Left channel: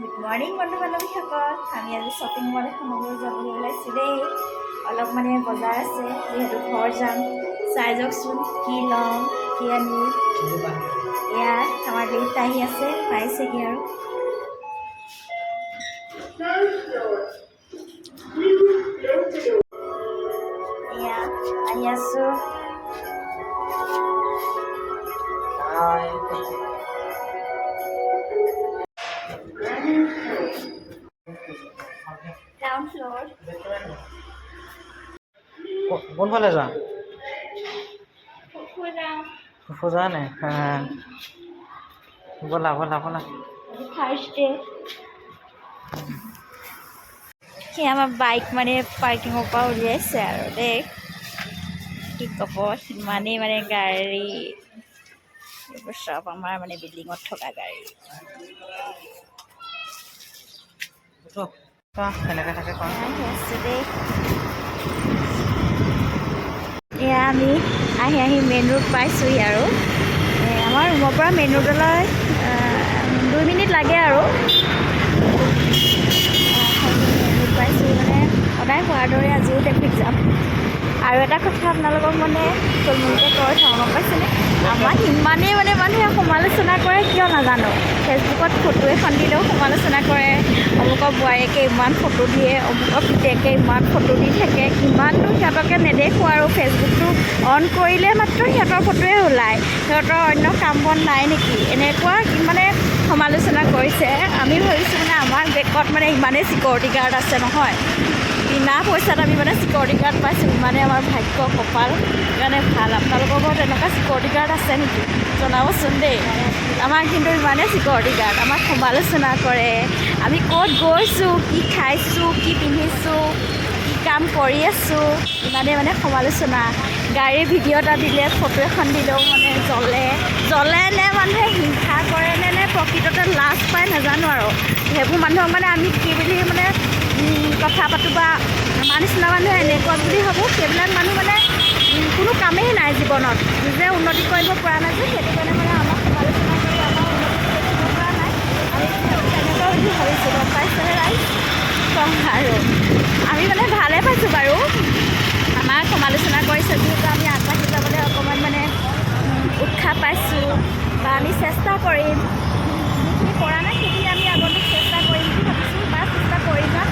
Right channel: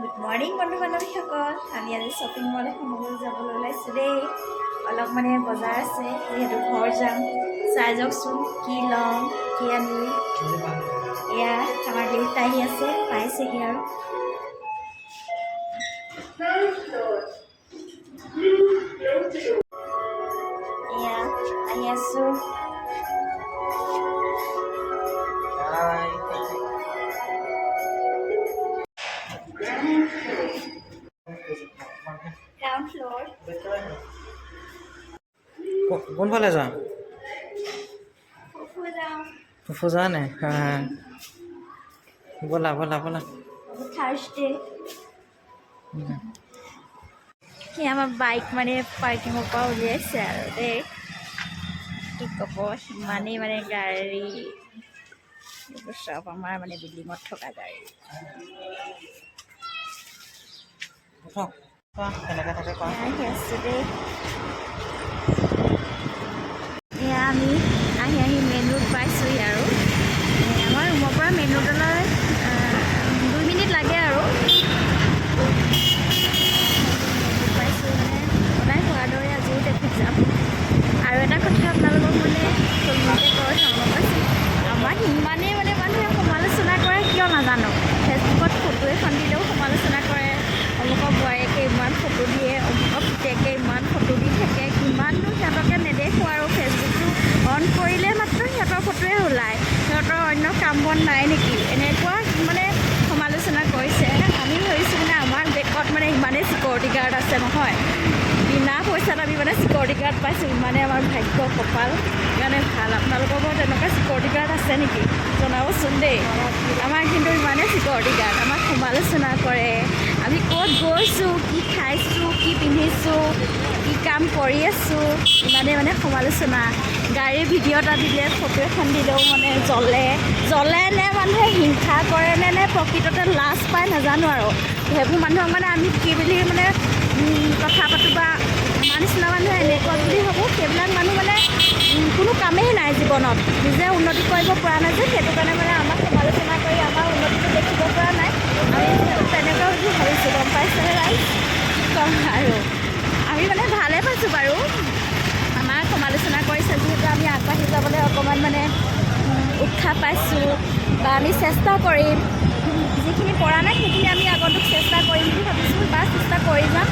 Good morning বন্ধু বান্ধৱীসকল। আমি আজি শ্বপিং মল এখনলৈ যাবলৈ ওলাইছোঁ দেই। অলপ মানে বজাৰ আছে, যিহেতু ঘৰ যাম। চাই যাওকচোন কি ল'ম কি আনি। এয়া আমাৰ লিষ্ট আহি আছে, পাইছেহি আৰু। এয়া আহি আছোঁ। Ground floor. কোনফালে যোৱা? ফুজা নে? ব'লা ব'লা ব'লা। থাৰ্ছডে সি আমাৰ বাইক মানে পাৰ্কিঙৰ পৰা উলিয়াইছে আৰু দেই। কি ক'ব, সিমানেই মানে গাড়ী, এইবোৰ চব আমাৰ মানে বিল্ডিঙত থকা গাড়ী। কেনেকৈ থাকে কোৱা? আহি আছোঁ দেই। এয়া আমি আহি মেইন ৰোড পাইছোঁহি আৰু। আমাৰ ৰুমৰ পৰা মেইন ৰোডলৈ 2 মিনিট লাগে আৰু। মেইন ৰোড পাইছোঁ মানে সদায় হোৱাৰ দৰে আজিও ট্ৰেফিক জাম। আৰু এটা কথা আপোনালোকক মানে থুলমূলকৈ কৈ থওঁ, গম পাইছেনে? আমাক ইমানেই মানে মানুহে সমালোচনা কৰে কিয় নাজানো। ফেচবুকত ফটো এখন দিলেও সমালোচনা কৰে, অমুকৰ বোৱাৰীয়েকে ইমান ফটো দিয়ে, অমুকৰ পিতেকে ইমান ফটো দি থাকে। কিমাননো সিহঁতকে নেদেখোঁ আৰু। ফেচবুকটো অন কৰিলে মাত্ৰ সিহঁতৰ ফটোৱে ওলায়, সিহঁতৰ অন্য কাম বন নাই নেকি, এনেকুৱা মানে সমালোচনা কৰিছে। আমি ভাবিছোঁ মানে আমাৰ বেকত মানে ইমানেই চিকিউৰিটি গাৰ্ড আছে নহয়, বিনা পইচাত আমি মানে চিকিউৰিটি গাৰ্ড পাইছোঁ। ইমানে আমাৰ ভাগ্য কপাল, সেইকাৰণে ভাল। আপোনালোকৰ ঘৰত এনেকুৱা চিকিউৰিটি গাৰ্ড আছে নেকি জনাবচোন দেই। আমাৰ কিন্তু ইমানেই চিকিউৰিটি গাৰ্ড, আমাক সমালোচনা কৰে। আমি ক'ত গৈছোঁ, কি খাইছোঁ, কি পিন্ধিছোঁ, কি কাম কৰি আছোঁ, ইমানেই মানে সমালোচনা। গাড়ীৰ ভিডিঅ' এটা দিলে, ফটো এখন দিলেও মানে জ্বলে নে মানুহে হিংসা কৰে নে প্ৰকৃততে লাজ পায় নাজানো আৰু। সেইবোৰ মানুহক মানে আমি কি বুলি মানে কথা পাতোঁ বা আমাৰ নিচিনা মানুহে এনেকুৱা বুলি ভাবোঁ। সেইবিলাক মানুহ মানে কোনো কামেই নাই জীৱনত, নিজে উন্নতি কৰিব পৰা নাই যে, সেইটো কাৰণে মানে আমাক সমালোচনা কৰি আমাৰ উন্নতিটো দেখিব পৰা নাই। আমি তেনেকুৱা বুলি ভাবিছোঁ, গম পাইছেনে ৰাইজ? কম আৰু আমি মানে ভালে পাইছোঁ বাৰু। আমাক সমালোচনা কৰিছে যিহেতু আমি আগবাঢ়ি যাবলৈ অকণমান মানে উৎসাহ পাইছোঁ, বা আমি চেষ্টা কৰিম। যিখিনি পৰা নাই সেইখিনি আমি আগন্তুক চেষ্টা কৰিম বুলি ভাবিছোঁ, বা চেষ্টা কৰি যাম।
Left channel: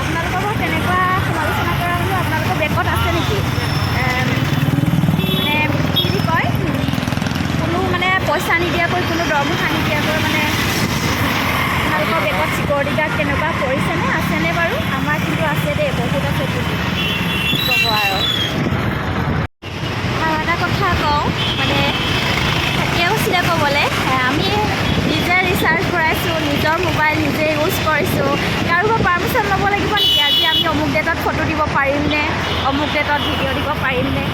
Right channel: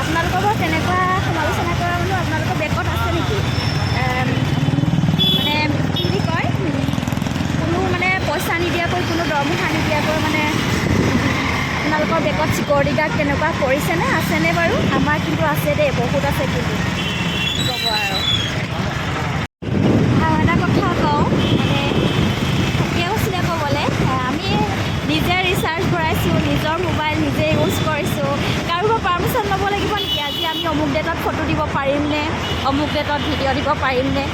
আপোনালোকৰ ঘৰত তেনেকুৱা সমালোচনা কৰা মানুহ আপোনালোকৰ বেকত আছে নেকি? মানে কি বুলি কয়, কোনো মানে পইচা নিদিয়াকৈ, কোনো দৰমহা নিদিয়াকৈ মানে আপোনালোকৰ বেকত চিকিউৰিটি গাৰ্ড তেনেকুৱা কৰিছেনে, আছেনে বাৰু? আমাৰ কিন্তু আছে দেই, বহুত আছে কিন্তু। কি ক'ব আৰু এটা কথা কওঁ, মানে থাকিয়ে গৈছিলে ক'বলৈ। আমি নিজে ৰিচাৰ্জ ভৰাইছোঁ, নিজৰ মোবাইল নিজে ইউজ কৰিছোঁ। কাৰোবাৰ পাৰ্মিশ্যন ল'ব লাগিব নেকি? আজি আমি অমুক ডেটত ফটো দিব পাৰিমনে, অমুক ডেটত ভিডিঅ' দিব পাৰিমনে?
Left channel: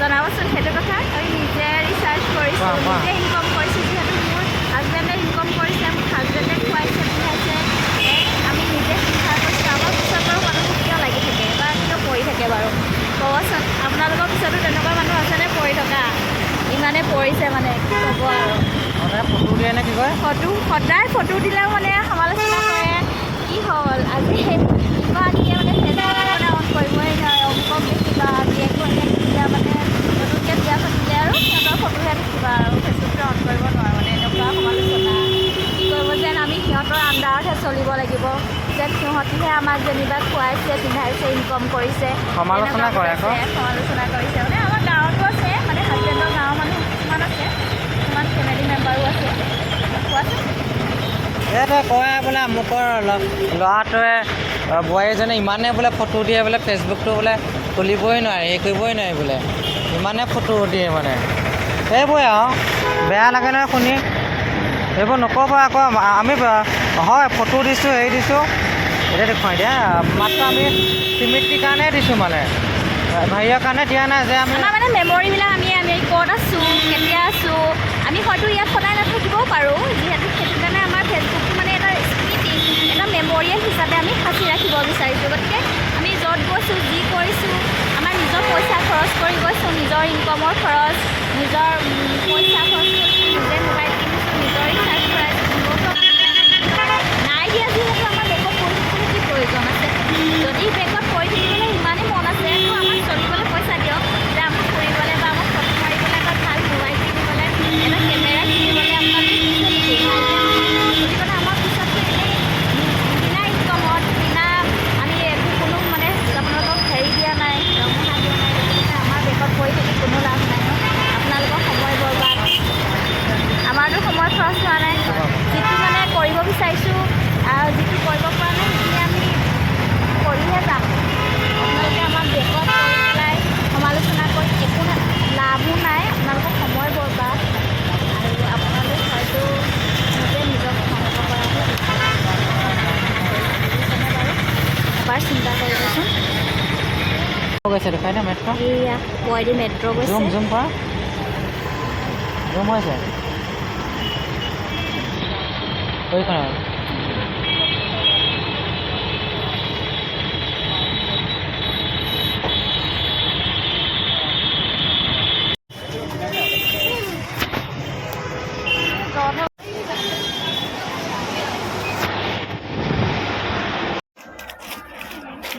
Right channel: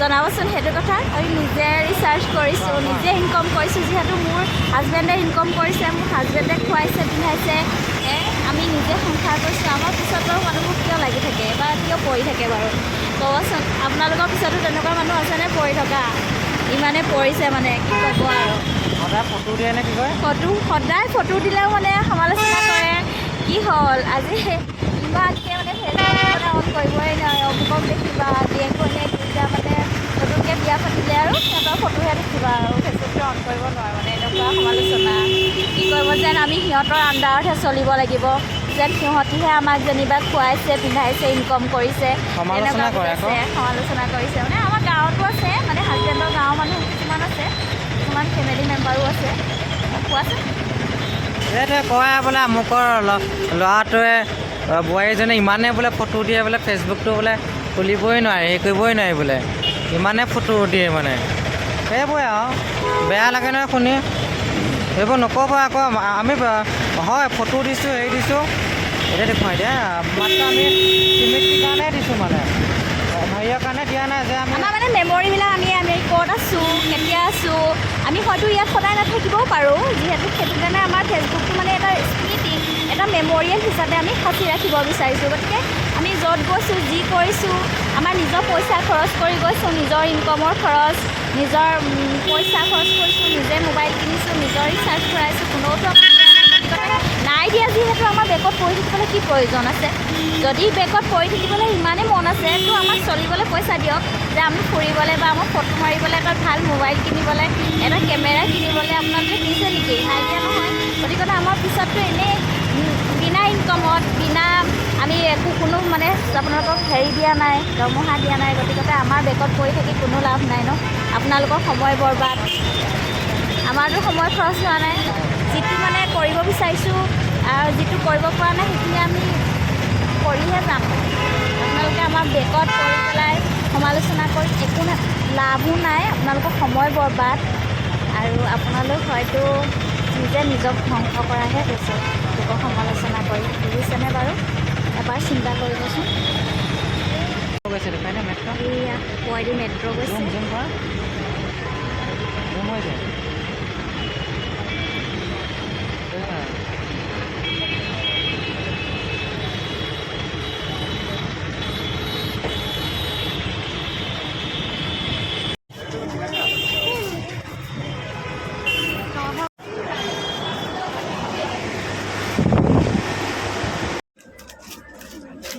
জনাবচোন সেইটো কথা। আমি নিজে ৰিচাৰ্জ কৰিছোঁ, নিজে ইনকম কৰিছোঁ। যিহেতু মোৰ হাজবেণ্ডে ইনকম কৰিছে, মোৰ হাজবেণ্ডে খুৱাইছে পিন্ধাইছে, আমি নিজে সংসাৰ কৰিছোঁ। আমাৰ পিছত বাৰু মানুহবোৰ কিয় লাগি থাকে বা কিয় পৰি থাকে বাৰু ক'বচোন? আপোনালোকৰ পিছতো তেনেকুৱা মানুহ আছেনে পৰি থকা? ইমানে পৰিছে মানে কি ক'ব আৰু। সদায় ফটো দিয়ে নে কি কয়? সদায় ফটো দিলেও মানে সমালোচনা কৰে। কি হ'ল আজি ইমানকৈ মানে ফেচবুক মানে অন কৰিবই নোৱাৰে, অমুকক দেখিবা জীয়েক ভনীয়েক যেতিয়া মানে নতুনকৈ বিয়া পাতিলে আৰু সিহঁতৰ ফটোহে দেখিবা আৰু ফেচবুকটো অন কৰিব নোৱাৰোঁ। মানে এনেকুৱা সমালোচনা কি কৰিব, যেন আমি সিহঁতৰ আণ্ডাৰতহে চলিব লাগিব, যেন সিহঁতিহে আমাক যেনিবা খুৱাইছে পিন্ধাইছে ইনকম কৰিছে, সমালোচনা কৰে। সমালোচনা কৰিছে মানে আমাৰ গাঁৱতো আছে, মানে হাজবেণ্ডৰ গাঁৱৰ মানুহ কিছুমান আছে, কিছুমান ফেমিলি মেম্বাৰো আছে। কোৱাচোন। এইটোৱে কয় বোলে আমুকৰ ল'ৰাটোৱে বোৱাৰীজনে ইমানে বোলে ফটো দিয়ে বোলে, ফেচবুকটো বোলে খুলিবই নোৱাৰে, হেৰি কৰিবই নোৱাৰে বোলে, ইমানে ফটো দিয়ে মানে। সেইবোৰে আৰু বেয়া লাগে নহয় শুনি। এইবোৰ নক'ব আকৌ। আমি হয় ফটো দিছোঁ, হেৰি দিছোঁ, এতিয়া দেখুৱাই দিয়া মাত্ৰ আমি চিমিটিৰ কাৰণে দিছোঁ, মানে হেৰিয়ৰ কাৰণে দিয়া নাই যে আমি আমাৰ মানে মেমৰিবিলাক আমি ক'ত আছোঁ, কেতিয়া আছোঁ, আমি হয়তো ইয়াত সদায় নাথাকিবও পাৰোঁ। যিহেতু সেইটো কাৰণে আমাৰ ফেচবুকটো মানে এটা স্মৃতি, এটা মেমৰিয়েল হিচাপে আমি সাঁচি ৰাখিব বিচাৰিছোঁ। গতিকে আমি য'ত গৈছোঁ, যি কৰিছোঁ, আমাৰ নিজৰ পইচা খৰচ কৰি গৈছোঁ, নিজৰ ইনকমৰ খৰচ, নিজৰ পইচা খৰচ কৰিছোঁ, নিজে মোবাইল কিনিছোঁ, নিজৰ ৰিচাৰ্জ ভৰাইছোঁ। কোনেওতো নাই দিয়া যিহেতু আমাৰ বেগত পৰি থাকিবলৈ কি প্ৰয়োজন আছে যদি বেগত পৰি থাকিবলৈ ইমানেই মন আছে তো আমাক চলিবলৈ পইচা দিয়ক যে আমি ফুৰিবলৈ বা আমাক ফটো মাৰিবলৈ এটা ভাল মোবাইল কিনিবলৈ এটা কেমেৰা কিনিবলৈ আপোনালোকে দিছে নেকি নাই দিয়া নহয় গতিকে আমাৰ পিছততো এনেই বিনা ইনকমত বিনা আমি একো কোনো মানে আপোনালোকক হেৰি দিয়া নাই দৰমহা দিয়া নাই গতিকে আমাৰ বেগত পৰি থাকি কোনো লাভ নাই ন আপোনালোকৰ সময় বৰবাদ আমাৰতো সময় খৰচ হোৱা নাই যিটো মানে কৰিব বিচাৰিছোঁ আৰু যিটো কৰিব পৰা নাই সেইখিনি আমি কৰিহে যাম আপোনালোকে আমাৰ বেগত কৰি পেলাই সমালোচনা কৰি একো লাভো নাই আপোনালোকৰ সময় বৰবাদ আৰু আপোনালোক হয়তো নিজে নিজক ধ্বংস কৰাহে বিচাৰে সমালোচনা কৰি বুজিছেনে বাৰু এবাৰ চিন্তা কৰিবচোন গৈছে দেখাই না মেট্ৰ' এইয়া পুৱাইদি মেট্ৰ' গৈছে জুম কৰা জুম হৈছে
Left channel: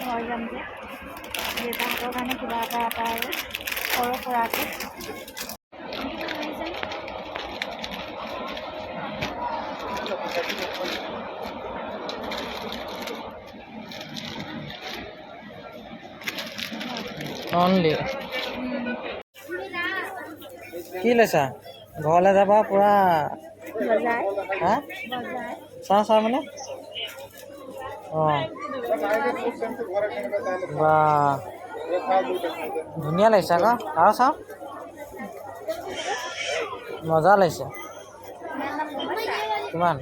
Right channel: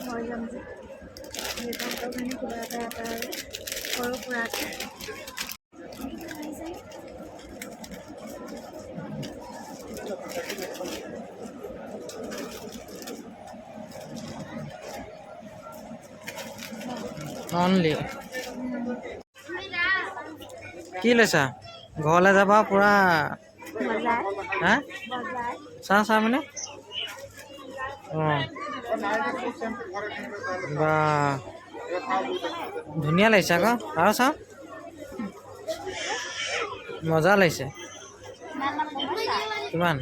ঘৰ যাম যে দেউতাহঁতৰ কাৰণে কিবা এটা আৰু সৰু সুৰাকৈ অনলি কি লৈছা ঘৰলৈ যাবা পূৰা বজাৰ হা বজাৰ চাহ মানে অঁ বা ধুনীয়া লাগিছে আকৌ আৰু চাওঁ মজা লাগিছে কিমান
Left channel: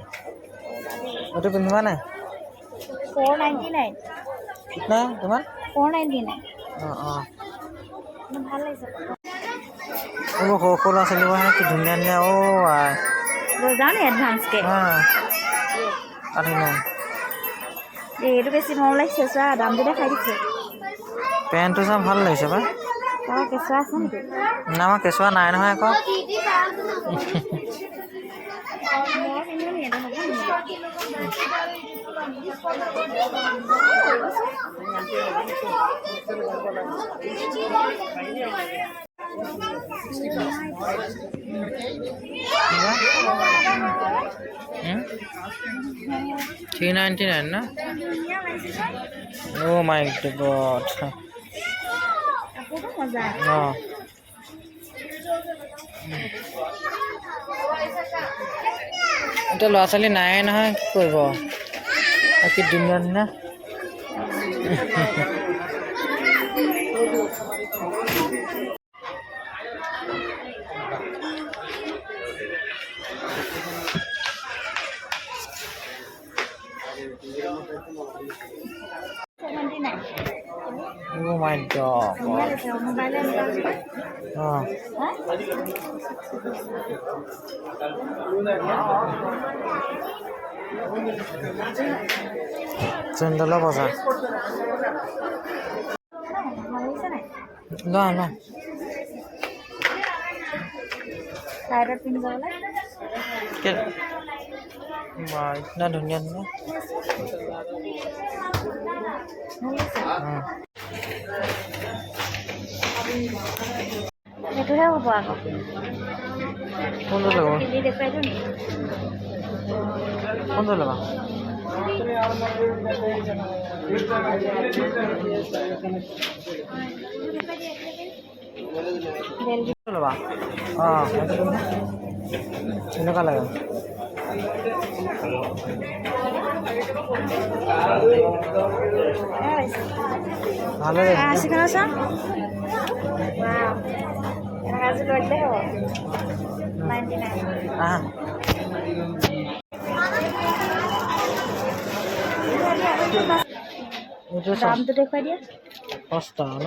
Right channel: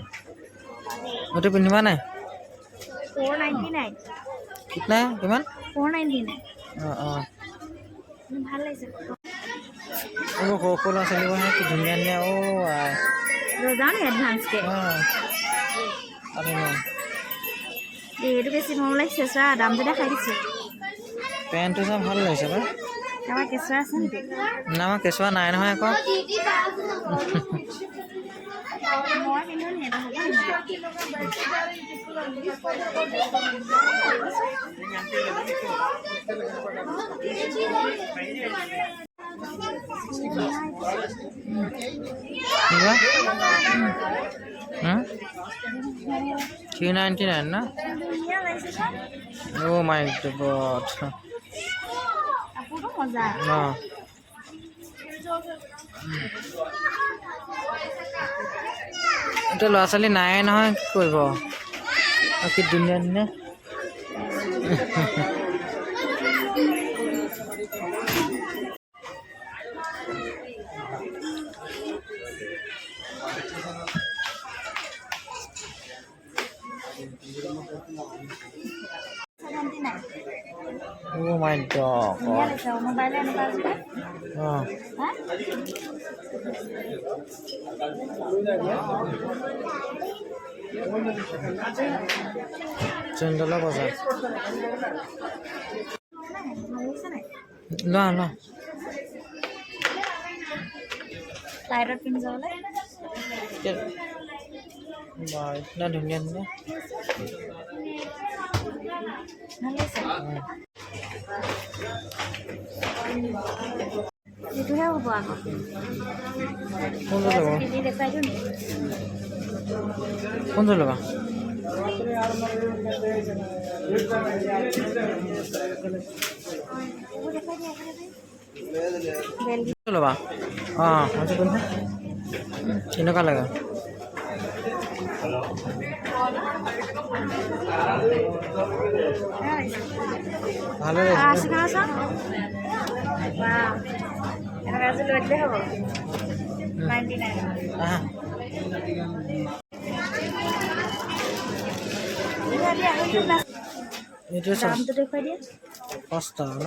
গোটেই পিন্ধিবা নাই 499 কিতনা কিমান 499 অঁ অঁ ভাল লাগিছে এইবোৰ সৰু সৰু ল'ৰা ছোৱালীবোৰ কি ধুনীয়া ধুনীয়া আই যাওঁ নি এডভান্সকৈ অঁ আহি নাই এইটো বেছি মৰম লাগিছে চোৱা দামটো দেখাই দিছে পেণ্টটো চাই ভাল লাগিছে পাই কাৰোবাৰ কেঁচুৱা আছে নেকি না আমাৰ কেঁচুৱা নাই নহয় আকৌ মই পিন্ধো নি এইটো $399 না ধুনীয়া লাগিছে অ' মাই গড কাপোৰটো মজা অঁ এতিয়া ল'ৰা ছোৱালী নাই নহয় কি কৰিব কি ধুনীয়া ধুনীয়া Oh my god. ধুনীয়া লাগিছে মোবাইলে এনেকুৱা আছে অঁ হা চেণ্ডেলৰ বজাৰ না না চাইডত পিন্ধি যাবলৈ বা ইतना ধুনীয়া ধুনীয়া সেইটোহে হ'ব আকৌ কোনটো ল'ব পিন্ধি দেখুৱাই দিওঁ নি কোনটো ল'বা ল'বা অঁ সেইটো কেনেকুৱা লাগে ভালে লাগিছে চিকেন চাওঁ বা আজি লৈ দিলে হ'ব 99 আহা এইটো দামটো দেখুৱাই দিয়া সস্তা ন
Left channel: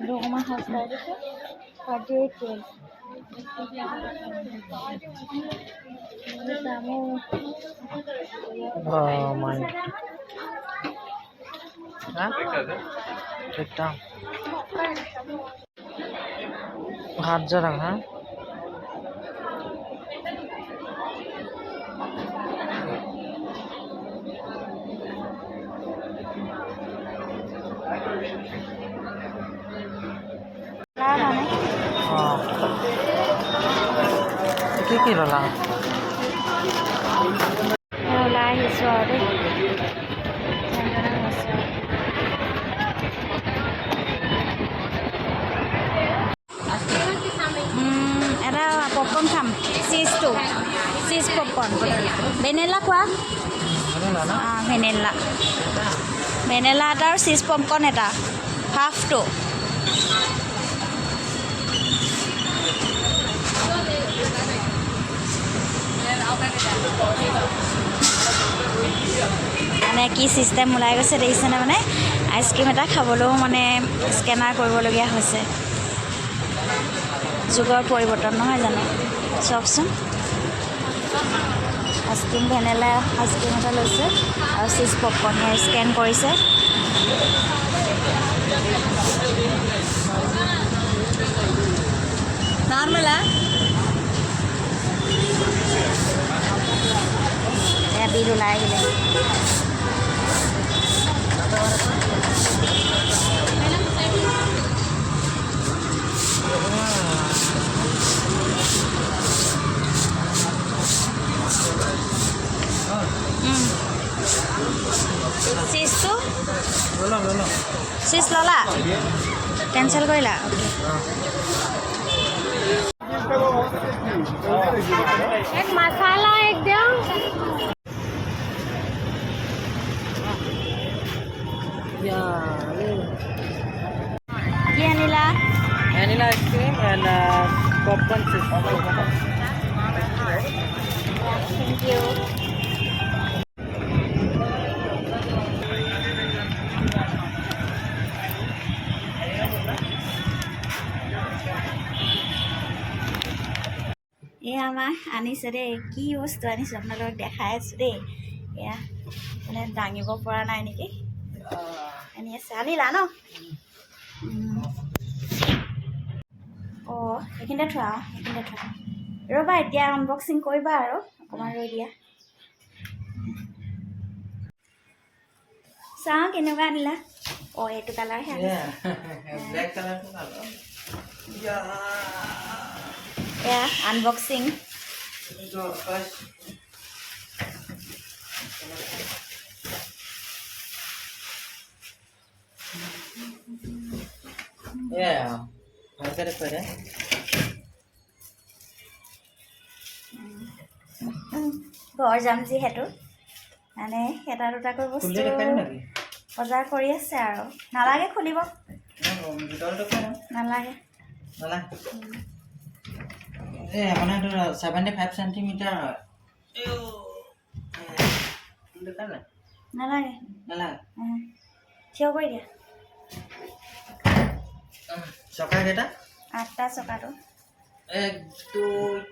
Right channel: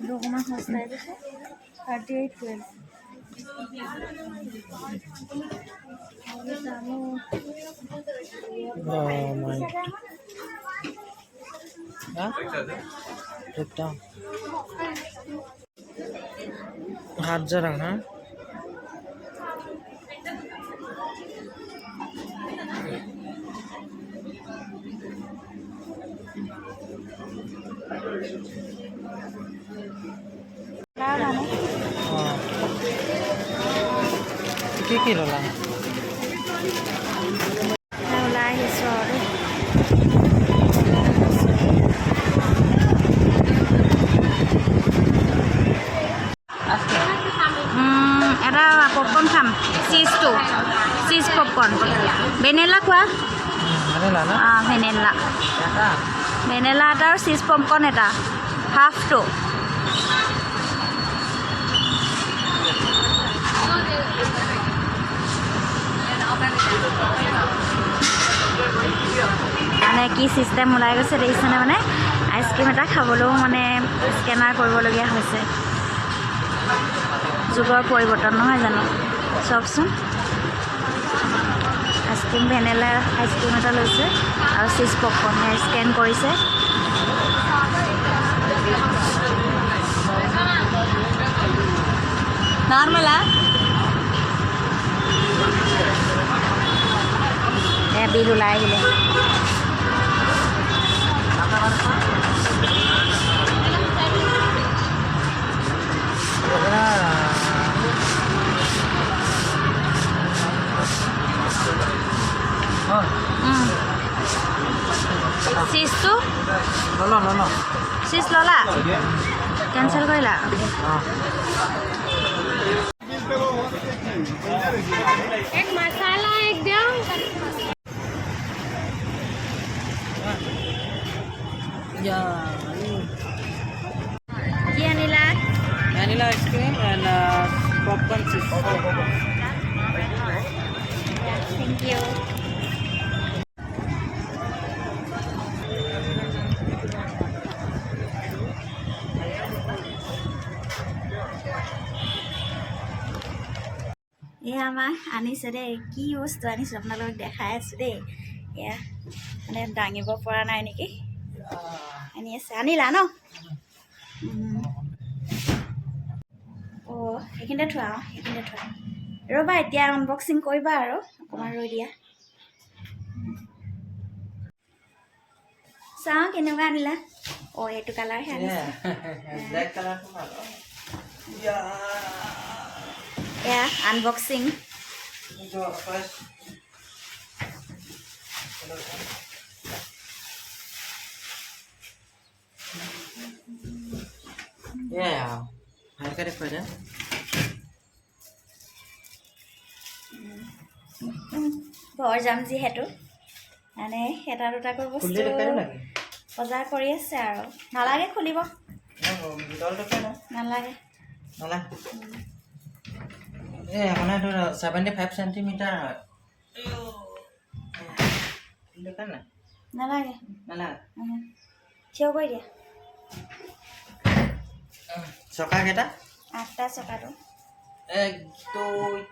এইটো অকণমান সস্তাই দিছে 3812 দামো Oh my. Huh? Take down. हाथ जरा हाँ কি ল'লা? ওলাই আহিছোঁ আৰু দেই এটা পপকৰ্ণ খাম চিজ পপকৰ্ণ ভেনিলা খোৱা অঁ ভেনিলা এটা আৰু চিজ পপকৰ্ণ এটা হাফটো মানে কি চিষ্টেম ওলাই গৈছে দেখিছেনে মানে আইচক্ৰীম এটা খাবলৈও মানে স্কেনাৰ কৰিবলগীয়া হৈছে যুগৰ পৰিৱৰ্তন নহয় জানো চাওকচোন আইচক্ৰীম ভেনিলা আইচক্ৰীম এটা লৈছে আৰু চিজ পপকৰ্ণ ইয়াৰ স্কেন কৰিছে নৰ্মেলা এয়া বিল ওলাই আহিলে চিজটো চিজ ল'লা কেঞ্চেল কৰিলা অ'কে एक मसाला एकदम কি আনিলা vanilla ice cream and popcorn cheese. Thank you এয়া আমাৰ আনিছে দেই কি বস্তু আনিছোঁ আপোনালোকক দেখাই আছোঁ দেই এয়া মানে দাঙিব পৰা নাই নেকি আনি আছে আনিলা ন অঁ সেইখিনিতে থোৱা সেইখিনিতে থোৱা ৰ'বা এতিয়া আনবক্সিং কৰিবা আৰু অকণমান ৰৈ দিয়া চাওঁ কেনেকুৱা আনিলা অঁ এইটো কালাৰহে আনিছে Black color to color. এয়া unboxing Yeah. Look at it, put it. ঘৰ যাম যিহেতু মানে এটা দুটাকৈ বস্তু বজাৰ কৰি আছে আৰু নালাগে খুলিব নালাগে মানে 75 সেন্টিমিটাৰ হয় নালাগে থিয় কৰি দিয়া চকা কেইটা 8টা চকাটো 1 2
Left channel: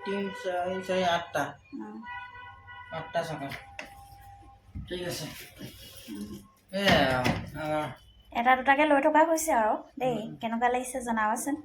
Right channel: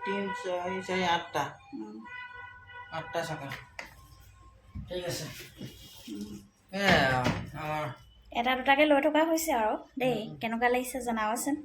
3 4 4 8টা 8টা চকা ঠিক আছে আমাৰ এটা দুটাকৈ লৈ থকা হৈছে আৰু দেই কেনেকুৱা লাগিছে জনাবচোন